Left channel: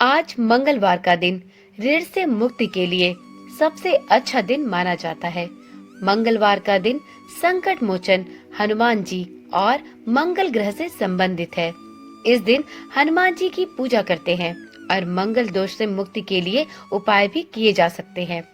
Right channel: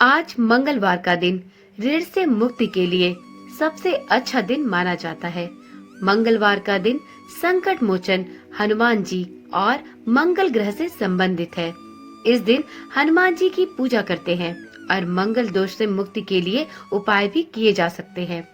आज मंगलवार का दिन ऋण से मुक्ति के लिए सबसे अच्छा दिन माना जाता है। मंगलवार का दिन संकट मोचन हनुमान जी और मंगल ग्रह से संबंधित है। इस दिन हनुमान जी की पूजा करते हैं और मंगल दोष से मुक्ति के लिए उपाय भी किए जा सकते हैं।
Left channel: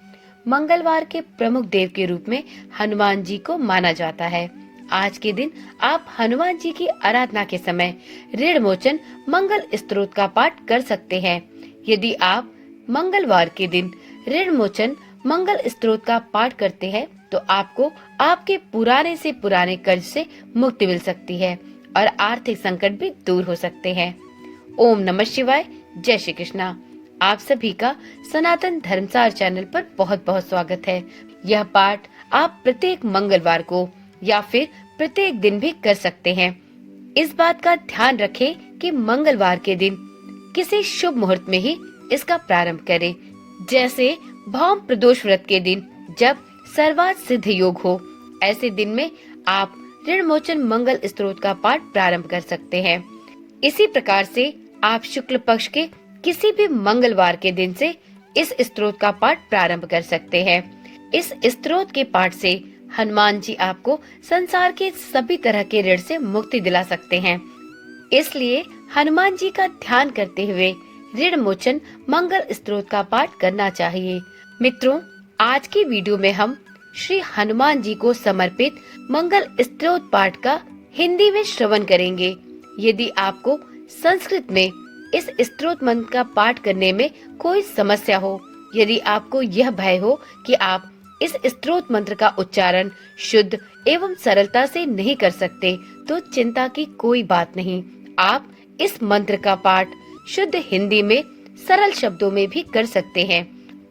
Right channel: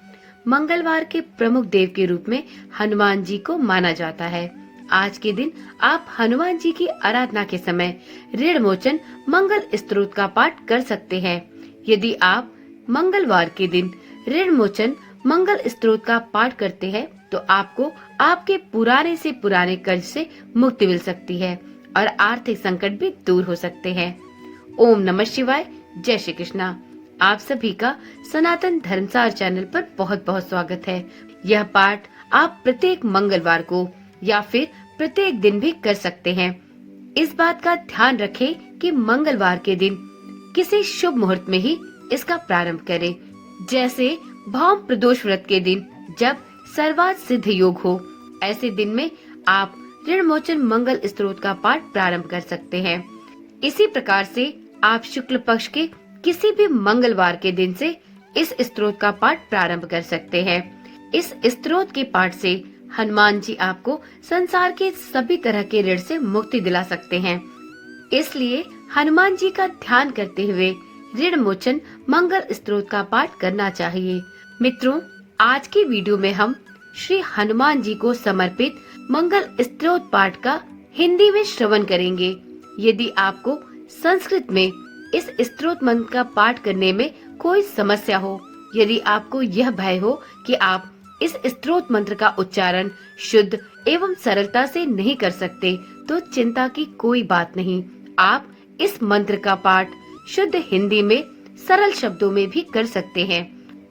मंगलवार के प्रमुख देव के रूप में हनुमान जी को माना जाता है। आज के दिन आप हनुमान जी की आराधना के समय ऋण मोचन मंगल स्तोत्र का पाठ कर सकते हैं। यदि आप मंगलवार के दिन ऋण मोचन मंगल स्तोत्र का पाठ करते हैं तो आपको आपके पुराने से पुराने कर्ज से मुक्ति मिल सकती है और आर्थिक संकट भी दूर हो सकते हैं। ओम नमः शिवाय। जय श्री कृष्णा। आप सभी का सनातन धर्मसार चैनल पर बहुत बहुत स्वागत है। यह पाठ आप प्रत्येक मंगलवार को या फिर प्रत्येक दिन भी कर सकते हैं। इस बात का ध्यान रखें कि मंगलवार के दिन किसी शुभ मुहूर्त में ही इसका प्रारंभ करें। जैसे भौम प्रदोष व्रत के दिन जब सर्वार्थ सिद्ध योग हो, ऐसे दिन में आप ऋण मोचन मंगल स्तोत्र का पाठ प्रारंभ कर सकते हैं। इसी प्रकार से आप शुक्ल पक्ष के किसी भी मंगलवार के दिन से इस स्तोत्र का पाठ प्रारंभ कर सकते हैं। इस स्तोत्र के पाठ से हनुमान जी आपको संसार के सभी तरह के ऋण से मुक्ति दिला सकते हैं। इसलिए हनुमान जी का ध्यान करते हुए ऋण मोचन मंगल स्तोत्र का पाठ करना चाहिए। मित्रों, आज की वीडियो में हम श्री हनुमान जी को समर्पित मंगल स्तोत्र पाठ का हिंदी में श्रवण करेंगे। यदि आपको संस्कृत में इस स्तोत्र मंत्र का पाठ करने में कोई समस्या हो, यदि आपको यह भय हो कि आप इस स्तोत्र मंत्र का उच्चारण शुद्ध एवं सरलता से नहीं कर सकते, तो चिंता की कोई बात नहीं। आप इस मंत्र का पाठ शुद्ध हिंदी में सरल शब्दों में भी कर सकते हैं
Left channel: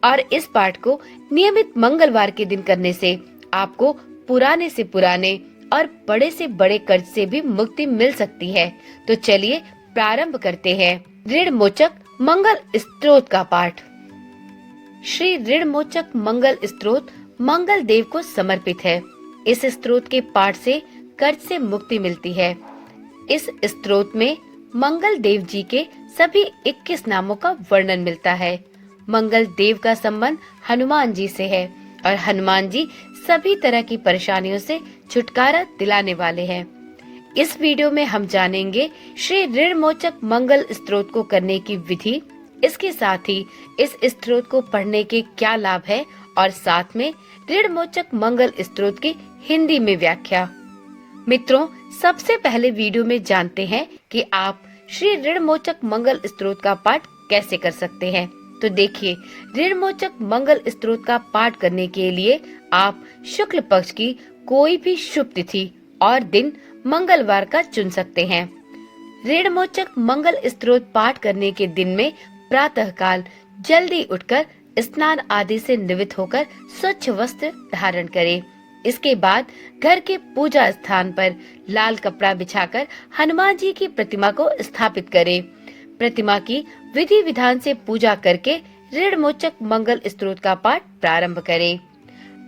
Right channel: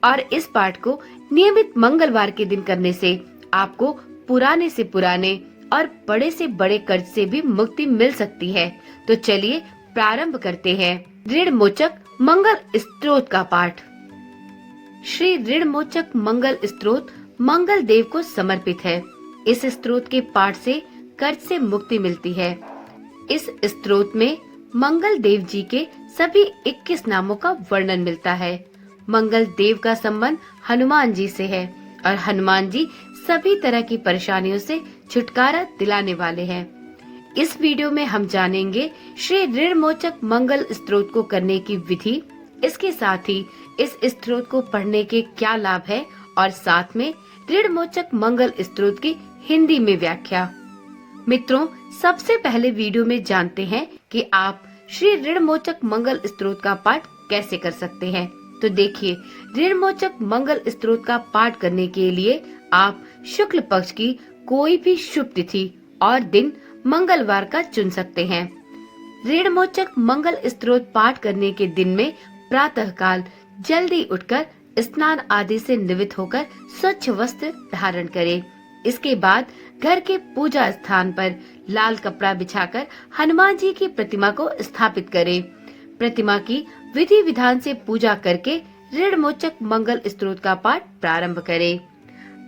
और इस पाठ को नियमित मंगलवार के दिन करने से आपको पुराने से पुराने और बड़े से बड़े कर्ज से भी मुक्ति मिल सकती है। तो चलिए प्रारंभ करते हैं ऋण मोचक मंगल स्तोत्र का पाठ। श्री ऋण मोचक मंगल स्तोत्र मंगल देव को समर्पित है। इस स्तोत्र के पाठ से कर्ज से मुक्ति मिलती है। इस स्तोत्र में मंगल देव जी के सभी 21 नामों का वर्णन मिलता है। मंगल देव का संबंध हनुमान जी से है और हनुमान जी सभी तरह की परेशानियों से छुटकारा दिलाने वाले हैं। इस वीडियो में हम जानेंगे श्री ऋण मोचक मंगल स्तोत्र को करने की विधि, इसके साथ ही इस स्तोत्र को पढ़ने के क्या लाभ है और साथ में ऋण मोचक मंगल स्तोत्र की हिंदी में व्याख्या। मित्रों, सबसे पहले वीडियो में जानते हैं कि आप श्री ऋण मोचक मंगल स्तोत्र का पाठ कैसे कर सकते हैं। तो देखिए, ऋण मोचक मंगल स्तोत्र का पाठ करने के लिए आप शुक्ल पक्ष की कोई भी शुभ तिथि और दिन मंगलवार का चुन सकते हैं। ऋण मोचक मंगल स्तोत्र पाठ करने के दिन में प्रातः काल जल्दी उठकर स्नान आदि से निवृत्त होकर स्वच्छ वस्त्र धारण करें। इसके बाद घर के पूजा स्थान पर लाल कपड़ा बिछाकर हनुमान जी की प्रतिमा को स्थापित करें। प्रतिमा की विधि विधान से पूजा करके ऋण मोचक मंगल स्तोत्र का पाठ प्रारंभ करें।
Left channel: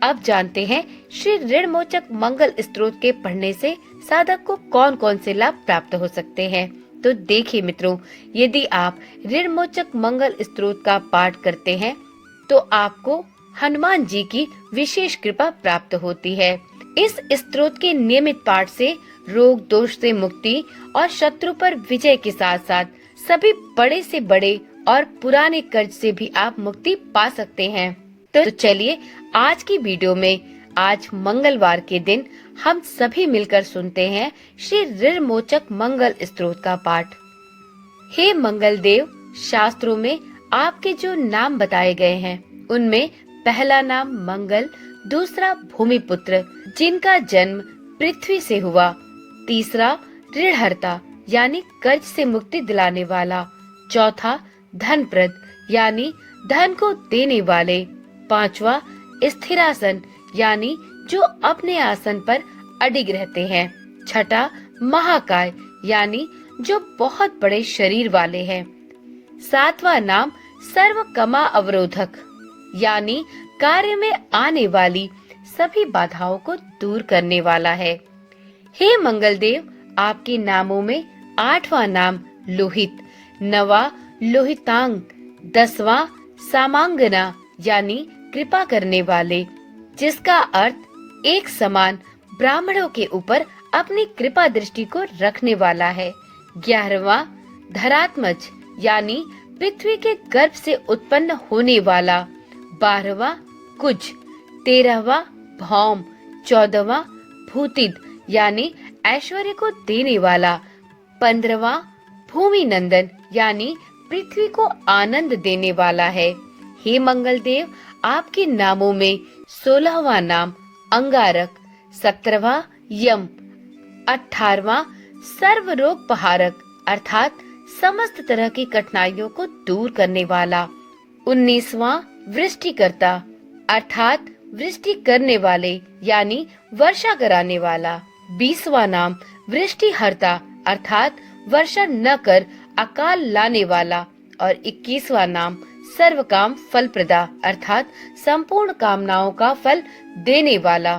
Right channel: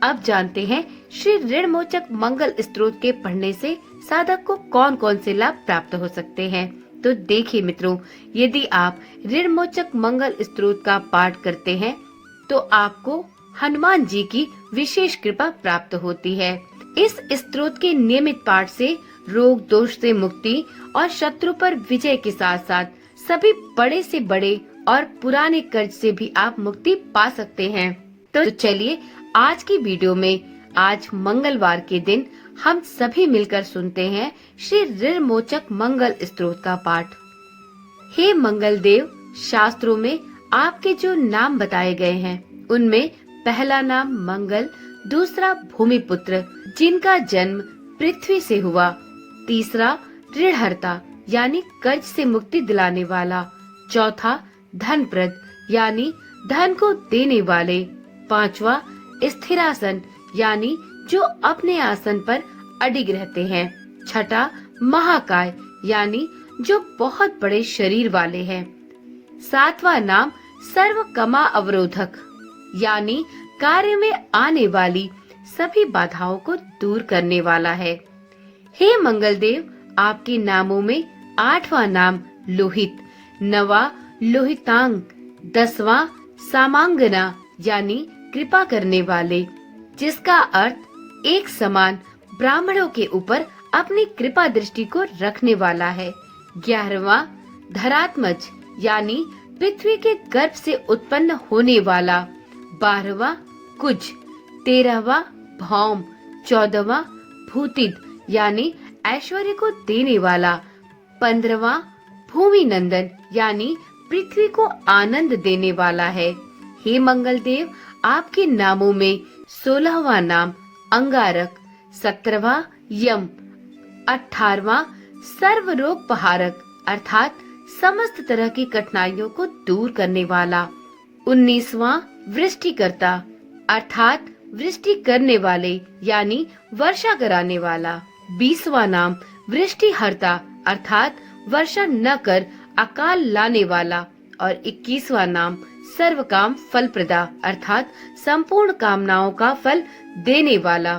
अब जानते हैं श्री ऋण मोचक मंगल स्तोत्र के पढ़ने से साधक को कौन कौन से लाभ प्राप्त हो सकते हैं। तो देखिए मित्रों, यदि आप ऋण मोचक मंगल स्तोत्र का पाठ करते हैं तो आपको हनुमान जी की विशेष कृपा प्राप्त होती है। इस स्तोत्र के नियमित पाठ से रोग दोष से मुक्ति और शत्रु पर विजय के साथ साथ सभी बड़े से बड़े और पुराने कर्ज से भी आप मुक्ति पा सकते हैं। तो चलिए आज की वीडियो में आज मंगलवार के दिन हम सभी मिलकर सुनते हैं श्री ऋण मोचक मंगल स्तोत्र का पाठ। हे मंगल देव, शास्त्रों में आपके जो नाम बताए गए हैं उनमें पहला नाम मंगल, दूसरा भूमिपुत्र जिनका जन्म पृथ्वी से हुआ, तीसरा ऋणहर्ता यानी कर्ज से मुक्ति दिलाने वाला, चौथा धनप्रद यानी धन को देने वाले, पांचवा स्थिरासन यानी जो अपने आसन पर अडिग रहते हैं, छठा महाकाय यानी जो बहुत बड़े शरीर वाले हैं, सातवां नाम सर्व कमा अवरोधक यानी कार्य में आने वाली सभी बाधाओं को दूर करने वाला है। हे मंगल देव, आपके नामों में आठवां नाम लोहित, नवा लोहितांग, 10वां सामांगना यानी कृपा करने वाले, जिसका अर्थ एक समान ब्राह्मणों के ऊपर अपनी कृपा दृष्टि को रखने वाला है। 11वां धरात्मज यानी पृथ्वी के गर्भ से उत्पन्न होने वाला। 12वां कुज, 13वां भौम, 14वां भूतिद यानी ऐश्वर्य को देने वाला। 15वां भूमि नंदन यानी पृथ्वी को आनंद देने वाला है। हे मंगल देव, आपके नामों में 16वां नाम अंगारक, 17वां यम, 18वां सर्व रोग पहारक अर्थात समस्त तरह की कठिनाइयों को दूर करने वाला। 19वां वृष्टिकर्ता अर्थात वृष्टि करने वाले यानी वर्षा कराने वाला। 20वां नाम वृष्टिहर्ता अर्थात वर्षा न कर अकाल लाने वाला। और 21वां नाम सर्व काम फल प्रदा अर्थात संपूर्ण कामनाओं का फल देने वाला।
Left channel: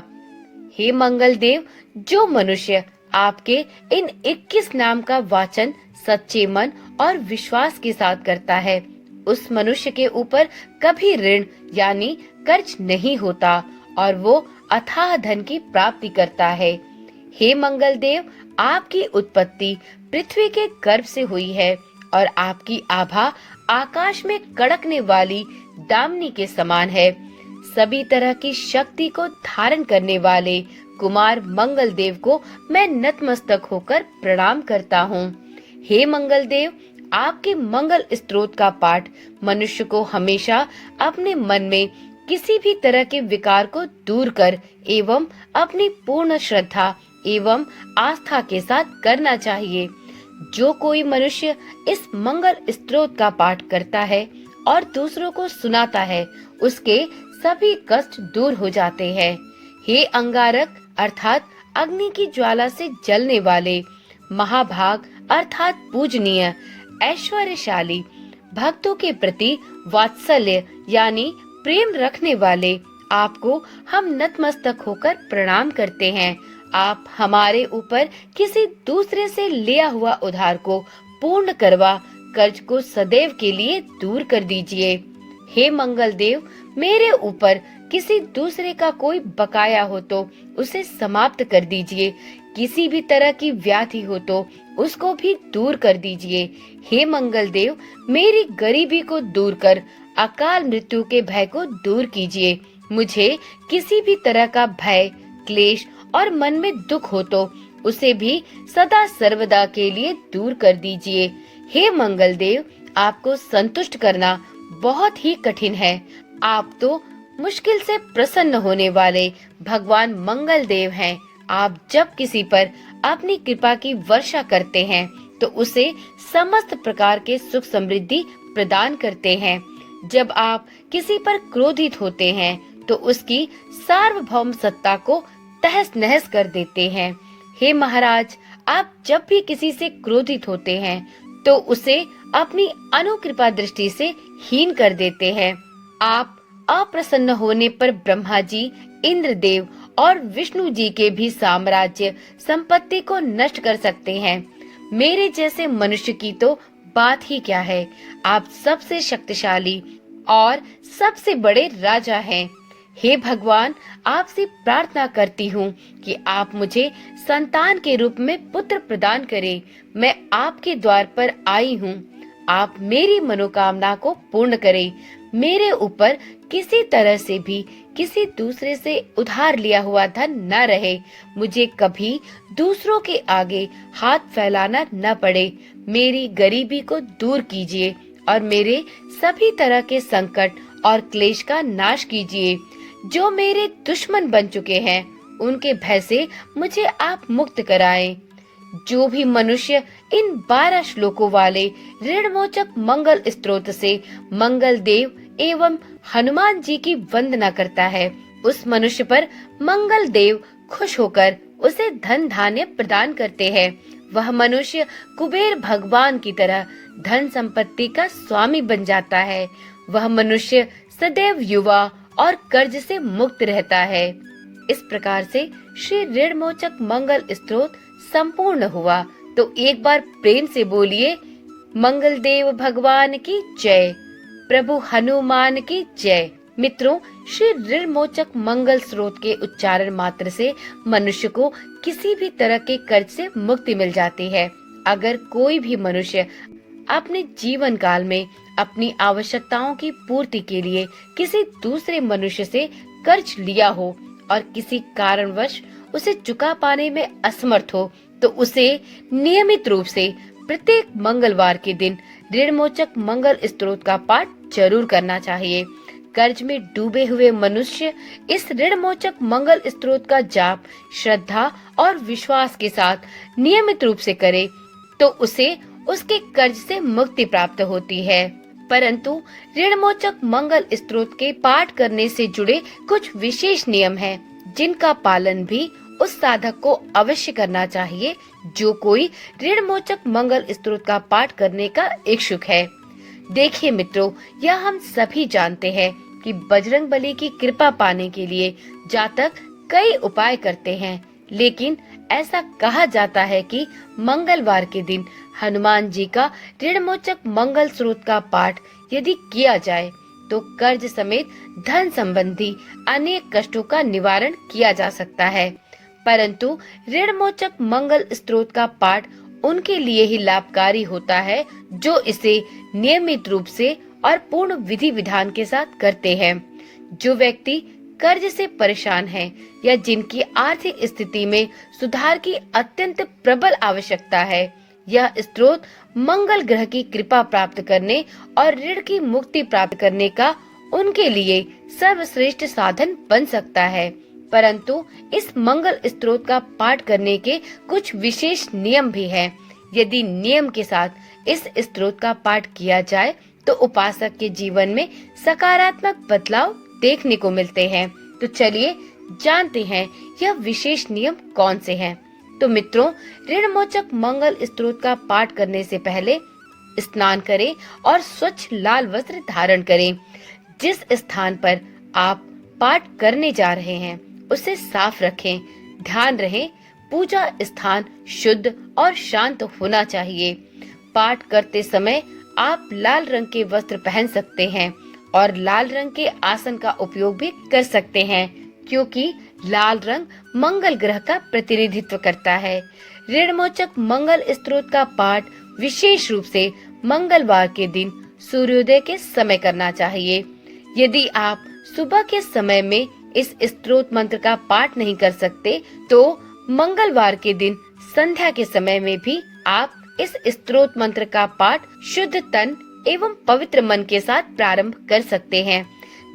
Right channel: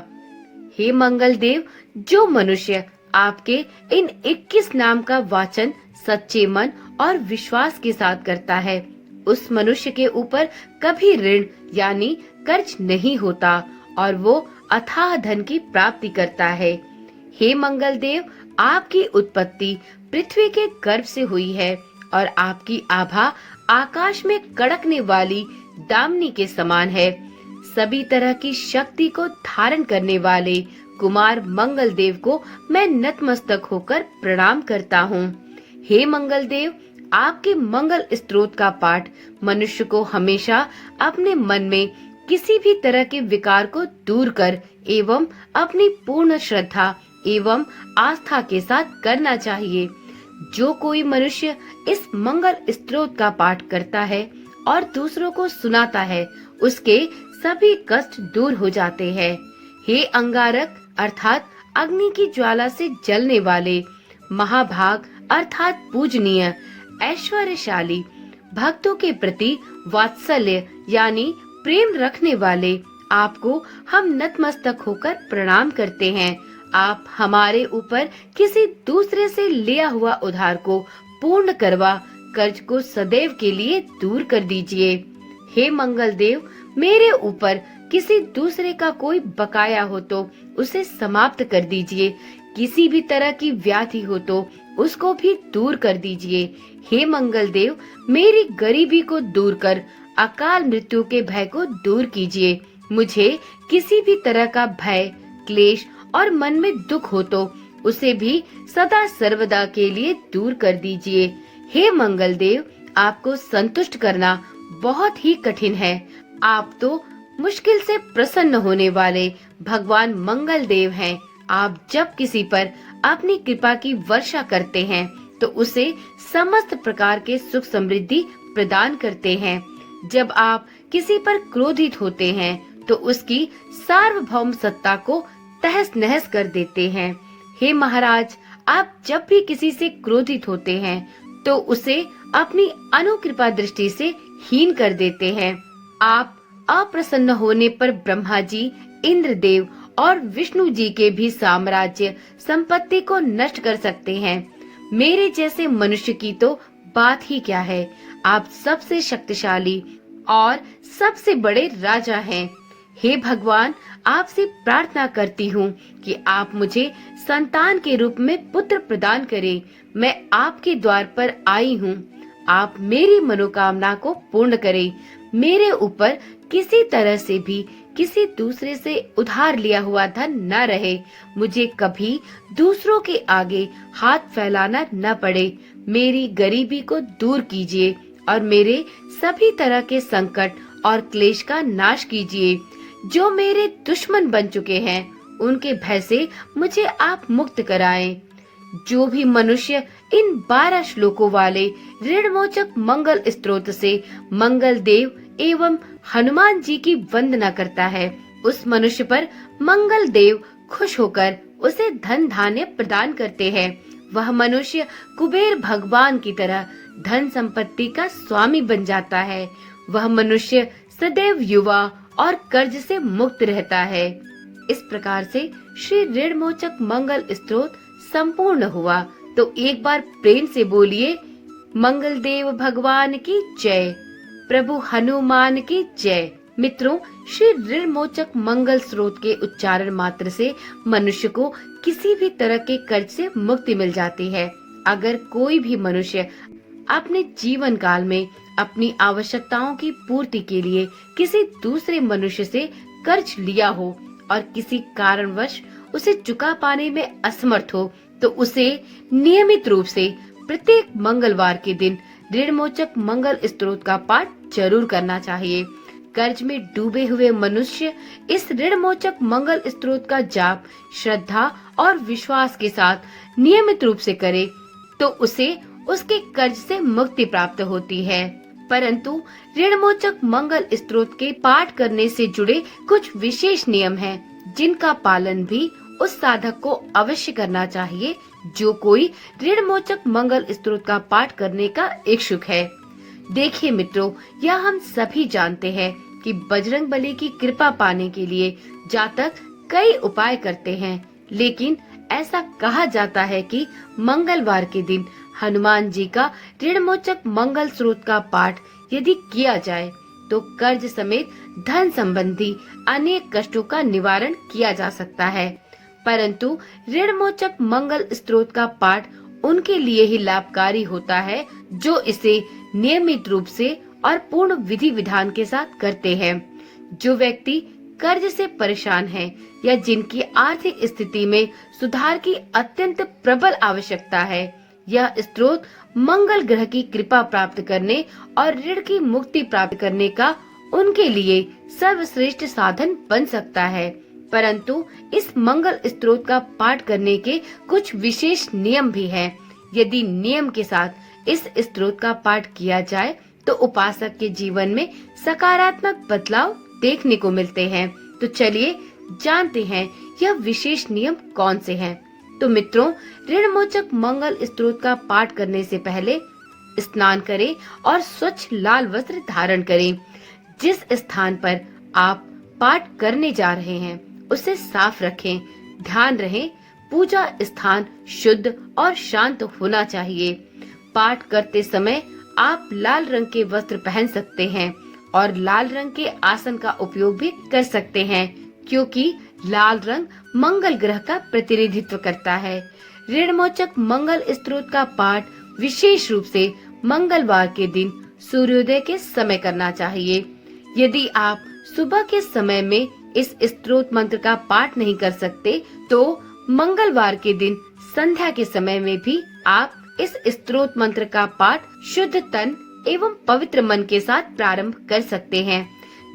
हे मंगल देव, जो मनुष्य आपके इन 21 नाम का वाचन सच्चे मन और विश्वास के साथ करता है, उस मनुष्य के ऊपर कभी ऋण यानी कर्ज नहीं होता और वो अथाह धन की प्राप्ति करता है। हे मंगल देव, आपकी उत्पत्ति पृथ्वी के गर्भ से हुई है और आपकी आभा आकाश में कड़कने वाली दामिनी के समान है। सभी तरह की शक्ति को धारण करने वाले कुमार मंगल देव को मैं नतमस्तक होकर प्रणाम करता हूँ। हे मंगल देव, आपके मंगल स्तोत्र का पाठ मनुष्य को हमेशा अपने मन में किसी भी तरह के विकार को दूर कर एवं अपनी पूर्ण श्रद्धा एवं आस्था के साथ करना चाहिए। जो कोई मनुष्य इस मंगल स्तोत्र का पाठ करता है और दूसरों को सुनाता है, उसके सभी कष्ट दूर हो जाते हैं। हे अंगारक अर्थात अग्नि की ज्वाला से जलने वाले, महाभाग अर्थात पूजनीय, ऐश्वर्यशाली, भक्तों के प्रति वात्सल्य यानी प्रेम रखने वाले, आपको हम नतमस्तक होकर प्रणाम करते हैं। आप हमारे ऊपर किसी दूसरे से लिया हुआ उधार को पूर्ण करवा कर्ज को सदैव के लिए दूर कर दीजिए। हे मंगल देव, मेरे ऊपर किसी दूसरे का कोई बकाया हो तो उसे समाप्त कर दीजिए। किसी भी तरह की व्याधि हो तो उसको भी दूर कर दीजिए। हे मंगल देव, मेरी गरीबी को दूर कर अकाल मृत्यु के भय को दूर कीजिए। मुझे किसी भी तरह का भय, क्लेश और मन में दुख हो तो उसे भी सदा सर्वदा के लिए दूर कर दीजिए। हे मंगल देव, आपको संतुष्ट करना बहुत ही कठिन है। आप तो मुश्किल से प्रसन्न होने वाले भगवान मंगल देव हैं। आप जब किसी पर अपनी कृपा की वर्षा करते हैं तो उसे समस्त प्रकार के सुख समृद्धि प्रदान करते हैं। जब आप किसी पर क्रोधित होते हैं तो उसकी सार्वभौम सत्ता को तहस नहस कर देते हैं। हे महाराज, आप जब भी किसी से क्रोधित होते हैं तो उसे अपनी अनुकृपा दृष्टि से हीन कर देते हैं। आप अप्रसन्न होने पर ब्रह्मा जी, इंद्र देव और विष्णु जी के भी साम्राज्य संपत्ति को नष्ट कर सकते हैं। मेरे जैसे मनुष्य की तो बात ही क्या है। आप सबसे शक्तिशाली और सबसे बड़े राजा हैं। हे भगवान, आपसे प्रार्थना करती हूँ कि आप मुझे संतान के रूप में पुत्र प्रदान करें। मैं आपके द्वार पर आई हूँ। आप मेरी मनोकामना को पूर्ण करें। मेरे ऊपर किसी तरह से भी किसी दूसरे से उधार लिया हुआ धन न रहे। मुझे कभी दूसरों के आगे हाथ फैलाना न पड़े। मेरी गरीबी को दूर कीजिए और मेरे सभी तरह के संकट और क्लेश का नाश कीजिए। जो मेरे दुश्मन बन चुके हैं, उनके भय से मुझे आप मुक्त कराएं। जो भी मनुष्य इन 12 श्लोकों वाले ऋणमोचक मंगल स्तोत्र से मंगल देव एवं हनुमान जी की वंदना करता है, उस मनुष्य पर मंगल देव खुश होकर उसे धन धान्य प्रदान करते हैं। वह मनुष्य कुबेर भगवान की तरह धन संपत्ति का स्वामी बन जाता है। वह मनुष्य सदैव युवा और कर्ज से मुक्त रहता है। इस प्रकार से श्री ऋणमोचक मंगल स्तोत्र संपूर्ण हुआ। तो एक बार प्रेम से बोलिए, मंगल देव भगवान की जय। प्रभु हनुमान की जय। मित्रों, श्री ऋण मोचक मंगल स्रोत के उच्चारण मात्र से मनुष्य को किसी भी तरह के कर्ज से मुक्ति मिल जाती है। अगर कोई भी मनुष्य अपने जीवन काल में अपनी आवश्यकताओं की पूर्ति के लिए किसी दूसरे मनुष्य से कर्ज लिया हो और किसी कारणवश उसे चुका पाने में असमर्थ हो, तो उसे नियमित रूप से प्रत्येक मंगलवार के दिन ऋणमोचक मंगल स्त्रोत का पाठ जरूर करना चाहिए। कर्ज में डूबे हुए मनुष्य इस ऋणमोचक मंगल स्त्रोत का जाप श्रद्धा और विश्वास के साथ नियमित रूप से करे तो उसे उसके कर्ज से मुक्ति प्राप्त होती है। परंतु ऋणमोचक मंगल स्त्रोत के पाठ करने से जुड़े कुछ विशेष नियम हैं, जिनका पालन भी उस साधक को अवश्य करना चाहिए जो कोई ऋणमोचक मंगल स्त्रोत का पाठ करने का इच्छुक है। देखिए मित्रों, यह हम सभी जानते हैं कि बजरंगबली की कृपा पाने के लिए जातक कई उपाय करते हैं, लेकिन ऐसा कहा जाता है कि मंगलवार के दिन हनुमान जी का ऋणमोचक मंगल स्त्रोत का पाठ यदि किया जाए तो कर्ज समेत धन संबंधी अनेक कष्टों का निवारण किया जा सकता है। परंतु ऋणमोचक मंगल स्त्रोत का पाठ उनके लिए ही लाभकारी होता है जो इसे नियमित रूप से और पूर्ण विधि विधान के साथ करते हैं। जो व्यक्ति कर्ज से परेशान है या जिनकी आर्थिक स्थिति में सुधार की अत्यंत प्रबल आवश्यकता है, यह स्त्रोत मंगल ग्रह की कृपा प्राप्त करने और ऋण की मुक्ति प्राप्त करने का उनके लिए सर्वश्रेष्ठ साधन बन सकता है। परंतु इस मंगल स्त्रोत का पाठ करने के कुछ विशेष नियम भी हैं। यदि नियम के साथ इस स्त्रोत का पाठ किया जाए तो उपासक के जीवन में सकारात्मक बदलाव देखने को मिलते हैं। तो चलिए जानते हैं यह विशेष नियम कौन से हैं। तो मित्रों, ऋणमोचक मंगल स्त्रोत का पाठ करने से पहले स्नान करें और स्वच्छ लाल वस्त्र धारण करें। जिस स्थान पर आप पाठ करने जा रहे हैं उसे साफ रखें। ध्यान रहे पूजा स्थान शुद्ध और शांत होना चाहिए। पाठ करते समय आप लाल रंग के वस्त्र पहन सकते हैं और लाल रंग के आसन का उपयोग भी कर सकते हैं, क्योंकि लाल रंग मंगल ग्रह का प्रतिनिधित्व करता है। ऋणमोचक मंगल स्त्रोत का पाठ विशेष रूप से मंगलवार के दिन सूर्योदय के समय करना चाहिए। यदि आप सुबह के समय में इस स्त्रोत मंत्र का पाठ नहीं कर सकते तो मंगलवार के दिन संध्या के समय में भी आप इस स्त्रोत मंत्र का पाठ शुद्ध तन एवं पवित्र मन के साथ प्रारंभ कर सकते हैं।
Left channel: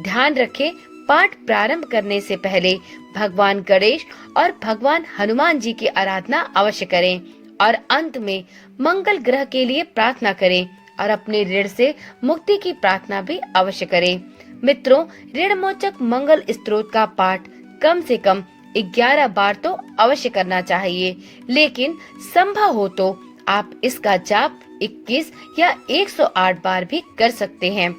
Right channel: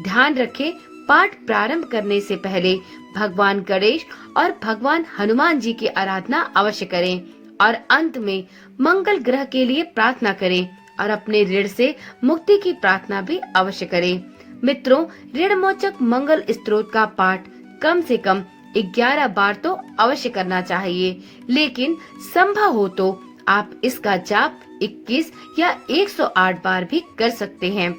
ध्यान रखें, पाठ प्रारंभ करने से पहले भगवान गणेश और भगवान हनुमान जी की आराधना अवश्य करें और अंत में मंगल ग्रह के लिए प्रार्थना करें और अपने ऋण से मुक्ति की प्रार्थना भी अवश्य करें। मित्रों, ऋणमोचक मंगल स्त्रोत का पाठ कम से कम 11 बार तो अवश्य करना चाहिए, लेकिन संभव हो तो आप इसका जाप 21 या 108 बार भी कर सकते हैं।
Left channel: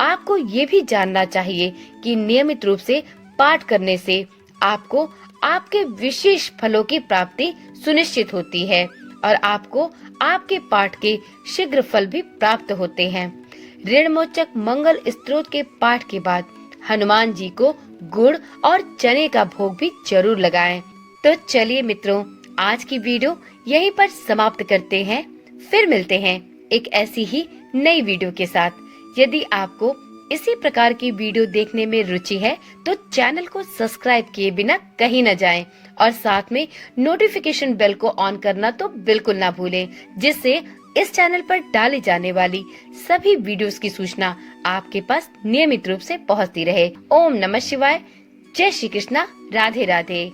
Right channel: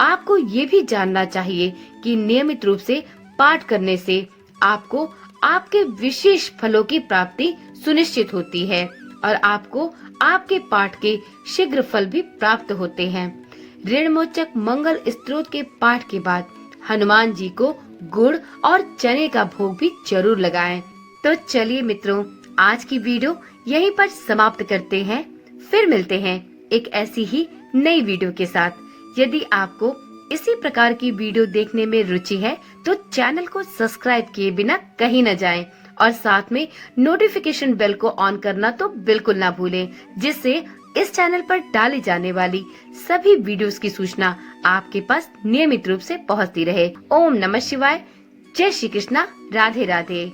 आपको ये भी जानना चाहिए कि नियमित रूप से पाठ करने से आपको आपके विशेष फलों की प्राप्ति सुनिश्चित होती है और आपको आपके पाठ के शीघ्र फल भी प्राप्त होते हैं। ऋणमोचक मंगल स्त्रोत के पाठ के बाद हनुमान जी को गुड़ और चने का भोग भी जरूर लगाएं। तो चलिए मित्रों, आज की वीडियो यहीं पर समाप्त करते हैं। फिर मिलते हैं एक ऐसी ही नई वीडियो के साथ। यदि आपको इसी प्रकार की वीडियो देखने में रुचि है तो चैनल को सब्सक्राइब किए बिना कहीं न जाएं और साथ में नोटिफिकेशन बेल को ऑन करना तो बिल्कुल ना भूलें, जिससे इस चैनल पर डाली जाने वाली सभी वीडियोस की सूचना आपके पास नियमित रूप से पहुंचती रहे। ओम नमः शिवाय। जय श्री कृष्णा। राधे राधे।